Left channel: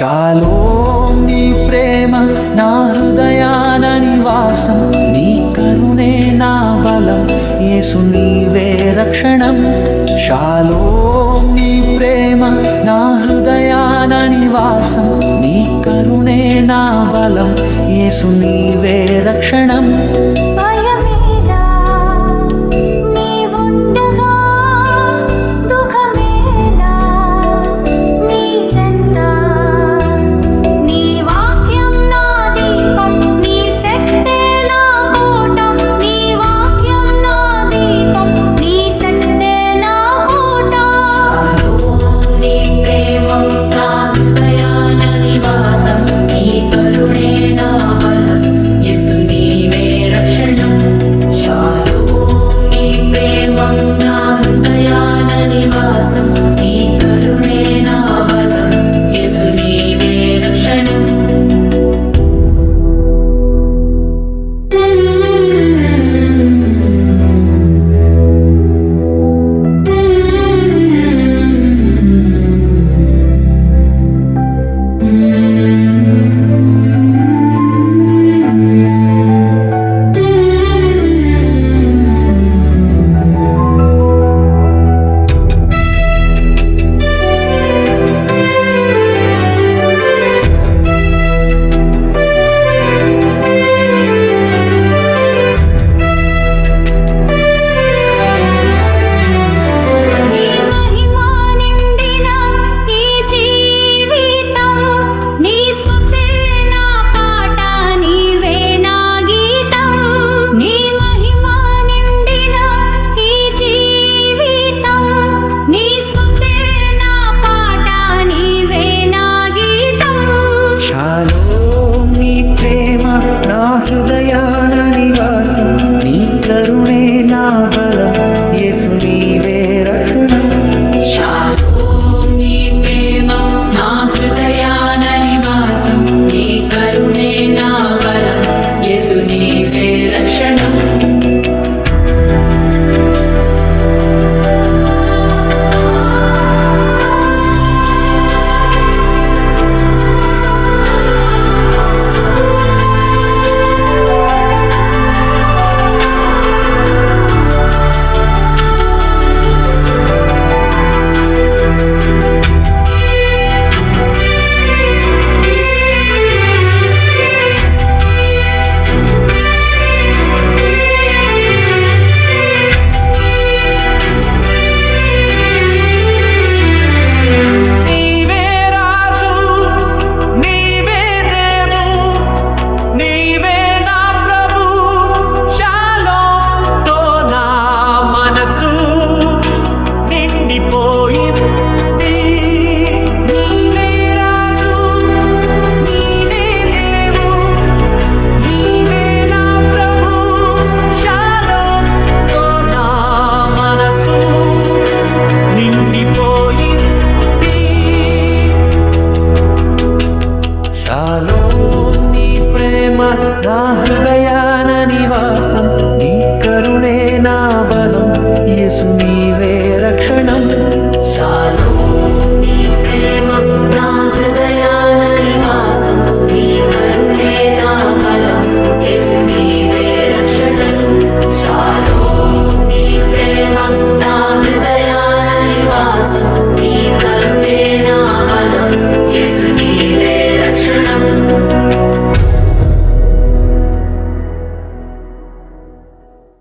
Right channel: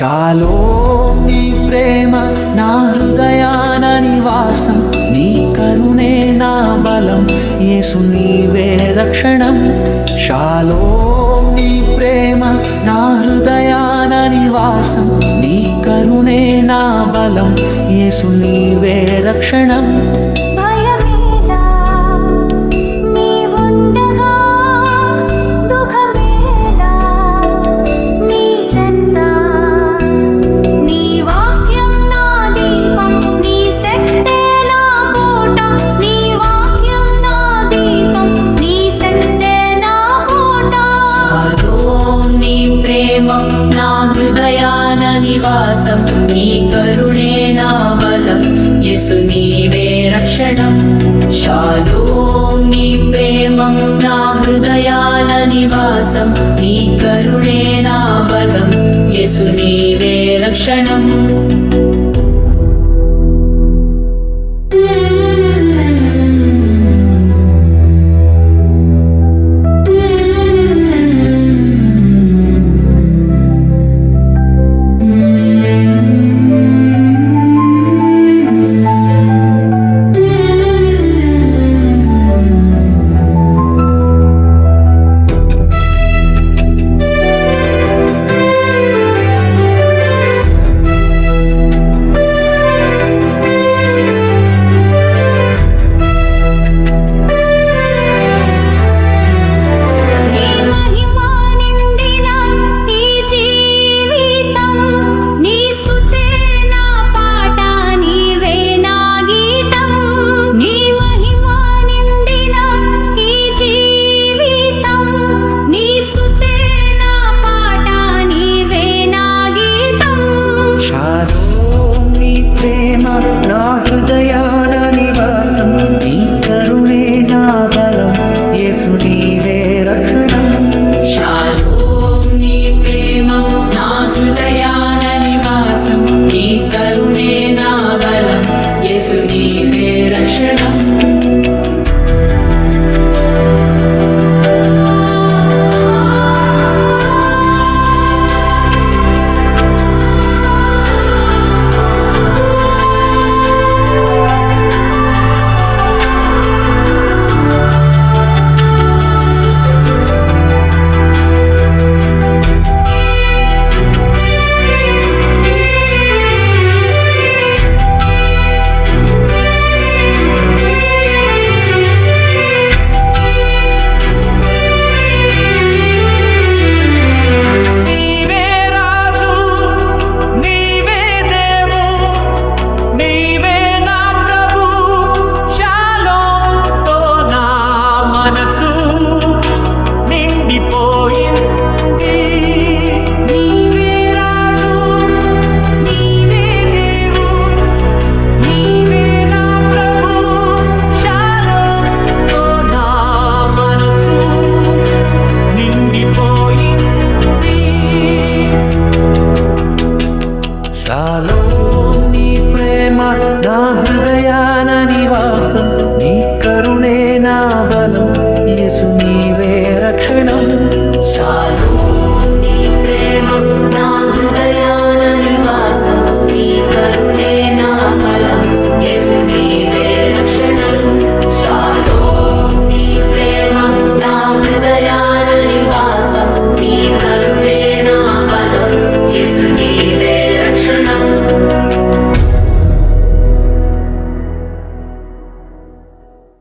Shalom నీ ప్రేమ నా హృదయాన నివాసం, నీ కరుణే నా బలం, యేసు నీవే రక్షణం. షాలోం నీ ప్రేమ నా హృదయాన నివాసం, నీ కరుణే నా బలం, యేసు నీవే రక్షణం. భయమేలా నీవుండగా, దుఃఖమేలా నీ చెంత, నీ వాక్యం నా దీపం, నీ శక్తే నా కోట, నీ వాక్యం నా దీపం, నీ శక్తే నా కోట. షాలోం నీ ప్రేమ నా హృదయాన నివాసం, నీ కరుణే నా బలం, యేసు నీవే రక్షణం. షాలోం నీ ప్రేమ నా హృదయాన నివాసం, నీ కరుణే నా బలం, యేసు నీవే రక్షణం. నీ మహిమ నిండిన ఈ జీవితం, నీ స్తుతే నా పాట, నీవే నా గీతం. నీ మహిమ నిండిన ఈ జీవితం, నీ స్తుతే నా పాట, నీవే నా గీతం. షాలోం నీ ప్రేమ నా హృదయాన నివాసం, నీ కరుణే నా బలం, యేసు నీవే రక్షణం. షాలోం నీ ప్రేమ నా హృదయాన నివాసం, నీ కరుణే నా బలం, యేసు నీవే రక్షణం. నీవే రాజు, నీవే దేవు, నీవే నా ప్రభు. షాలోంతో నా మనసు నిండిపోయింది. నీవే రాజు, నీవే దేవు, నీవే నా ప్రభు. షాలోంతో నా మనసు నిండిపోయింది. షాలోం నీ ప్రేమ నా హృదయాన నివాసం, నీ కరుణే నా బలం, యేసు నీవే రక్షణం. షాలోం నీ ప్రేమ నా హృదయాన నివాసం, నీ కరుణే నా బలం, యేసు నీవే రక్షణం. షాలోం నీ ప్రేమ నా హృదయాన నివాసం, నీ కరుణే నా బలం, యేసు నీవే రక్షణం.